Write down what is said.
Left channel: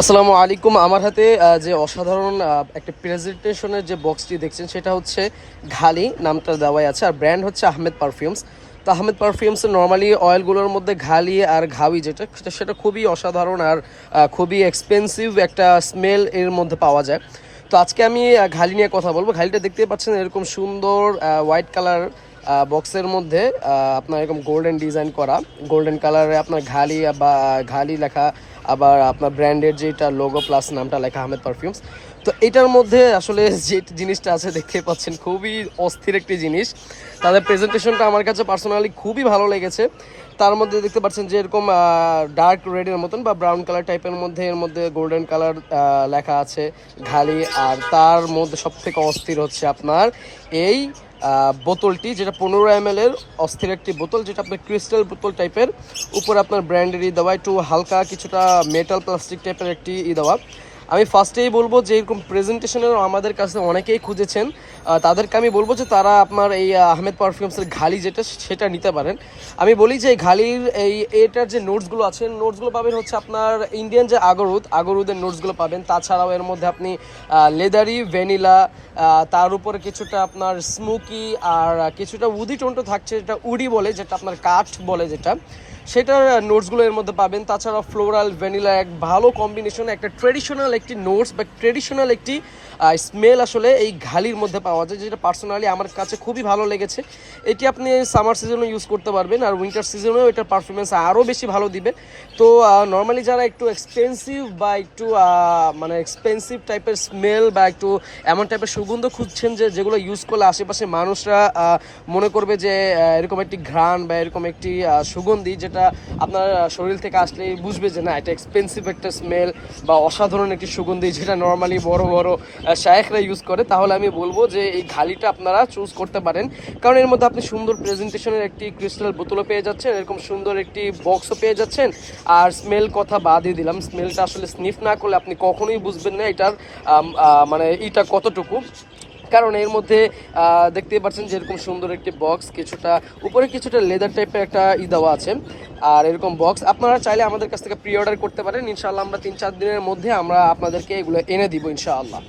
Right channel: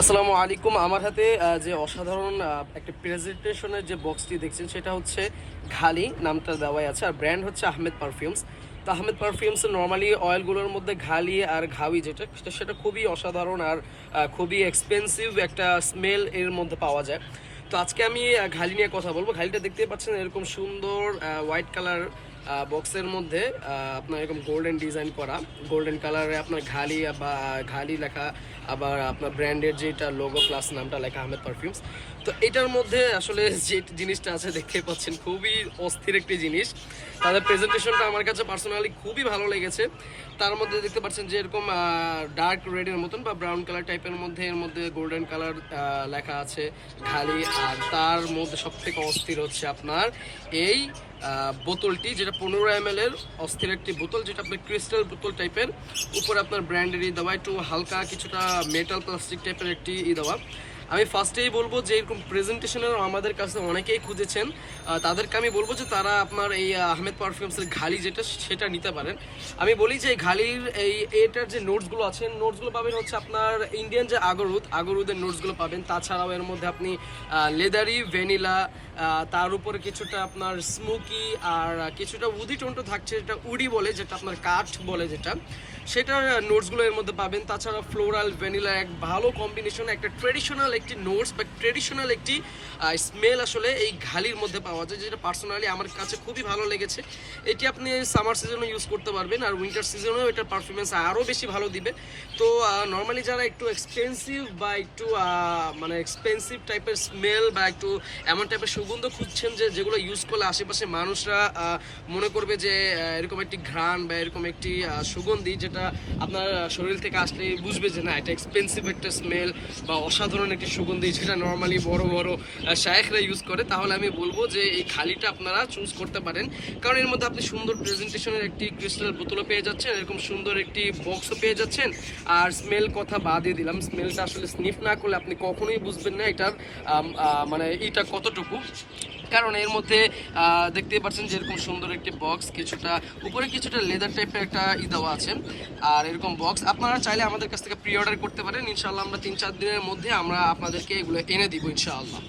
আসসালামু আলাইকুম। আমার হাতে যে অসাধারণ একটা প্রেজেন্টেশনের যে বক্সটি দেখছেন, সেটা হচ্ছে ঘালি নামটা দেওয়াই আছে। আর ব্র্যান্ড হচ্ছে আহমেদ পারফিউমস। তো আহমেদ পারফিউমসের নর্মালি অয়েলগুলোর মধ্যে ঘালি আর ঘাবি যেটা, সেটা সেটা খুবই অসাধারণ আর খুবই এক্সপেন্সিভ একটা স্মেল এর মধ্যে পাওয়া যায়। তো আজকে আমি ঘালি নিয়ে কথা বলব। ঘালিটা দেখতে পাচ্ছেন এরকম সুন্দর হোয়াইট কালার বক্সের মধ্যে আপনার এরকম গোল্ডেন ডিজাইন করা। গোল্ডেন কালারে আপনার ঘালি বা ঘালি লেখা আবার আপনার ব্র্যান্ডের যেটা লোগো প্লাস নামটা লেখা আহমেদ পারফিউমস তো এটার মধ্যে আসলে যে জিনিসটা আছে দেখতে পাচ্ছেন, খুবই অস্থির একটি জিনিস। তাদের প্রেজেন্টেশনটা আমার কাছে পার্সোনালি খুবই ভালো লেগেছে। তার মধ্যে দেখতে পাচ্ছেন যে এরকম ডার্ক রেডের মতন বা ব্রাউন কালার টাইপের মধ্যে, এর মধ্যে গোল্ডেন কালার লেখা আছে ঘালি আর তার মধ্যে সব থেকে অস্থির হচ্ছে আপনার এই বোতলটি, যেটা পনেরো এম এর অস্থির একটি বোতল, যেটা আপনার ক্রিস্টাল বোতল টাইপের উপরে আপনার ব্র্যান্ডের ই দেওয়া, একটু হালকা কিছুটা মেটাল প্লাস্টিক টাইপের একটি ই দেওয়া। আমি ফার্স্টেই বলব যে এরকম প্রেজেন্টেশনের আমাদের কাছে অনেকেই খুঁজেছেন। তাদেরকে আমি বলব যে তারা আপনার এই আহ, আহমেদ পারফিউমসের ঘালি যেটা সেটা নিতে পারেন। আমি বলি যে ঘালির এই এটার যে নোটসগুলো আছে নোটসগুলো পাবেন হচ্ছে আপনার ইন্ডিয়ান যে আগরুদ আগরুদের নোটসগুলো পাবেন। তাছাড়াও এর মধ্যে আপনি লেদারি ভ্যানিলা তার উপরে কিছুটা আপনার স্মোকি আর কিছুটা উদি টোনটো থাকছে যেটা উডি বলে যেটা আপনার কাঠ বলে যেটা। সেটার নোটসগুলো এর মধ্যে পাবেন। তাছাড়া ফ্লোরাল ভ্যানিলা এক ভালো কম্বিনেশন একটা ট্রেডিশনাল একটি নোটস বা ট্রেডিশনাল একটি স্মেল আসলে এই ঘালির মধ্যে পাওয়া যায়, যেটা পার্সোনালি আমার কাছে খুবই ভালো লেগেছে। এটি আপনি সামার সিজনেও ইউজ করতে পারবেন আর উইন্টার সিজনেও এটার পারফরমেন্স আরও বেশি ভালো দিবে। তো নর্মালি যারা একটু এক্সপেন্সিভ বা একটু মানে এক্সপেন্সিভ টাইপের স্মেল বা একটু এমন টাইপের সুগন্ধ খুঁজছেন যে, যেগুলো ইউজ করলে আশেপাশে মানুষরা মনে করবে যে এরকম একটি ঘ্রাণ বা এরকম একটি সুগন্ধি যেটা আপনার শরীর থেকে আসলে বুঝবে যে না এটা এক্সপেন্সিভ একটা স্মেল বা অসাধারণ একটি সুগন্ধি যেটা নর্মালি বড় বড় শায়েখরা ইউজ করে, তাহলে আমি বলব যে এই ঘালিটা আপনারা চুজ করতে পারেন। কারণ এর মধ্যে আপনি সুন্দর প্রেজেন্টেশনের একটি ক্রিস্টাল বোতলও পেয়ে যাচ্ছেন, এরকম সুন্দর একটি বক্সও পেয়ে যাচ্ছেন। আর স্মেল কথা বাদই দিলাম স্মেলটা আসলে স্নিফ না করলে আপনি কখনোই বুঝবেন না এটার মানে এটা কতটুকু। কারণ এর মধ্যে দেখতে পাচ্ছেন যেরকম সুন্দর একটি বক্স কিছুটা উপরে কিছুটা লেদার টাইপের একটা ই দেওয়া আছে। আর এরকম বক্স আপনারা চাইলে আমাদের কাছ থেকে প্রি অর্ডার করতে পারেন। ইনশাআল্লাহ আমরা তিন চার দিনের মধ্যে আমরা আপনাদেরকে এগুলো এনে দিব, ইনশাআল্লাহ।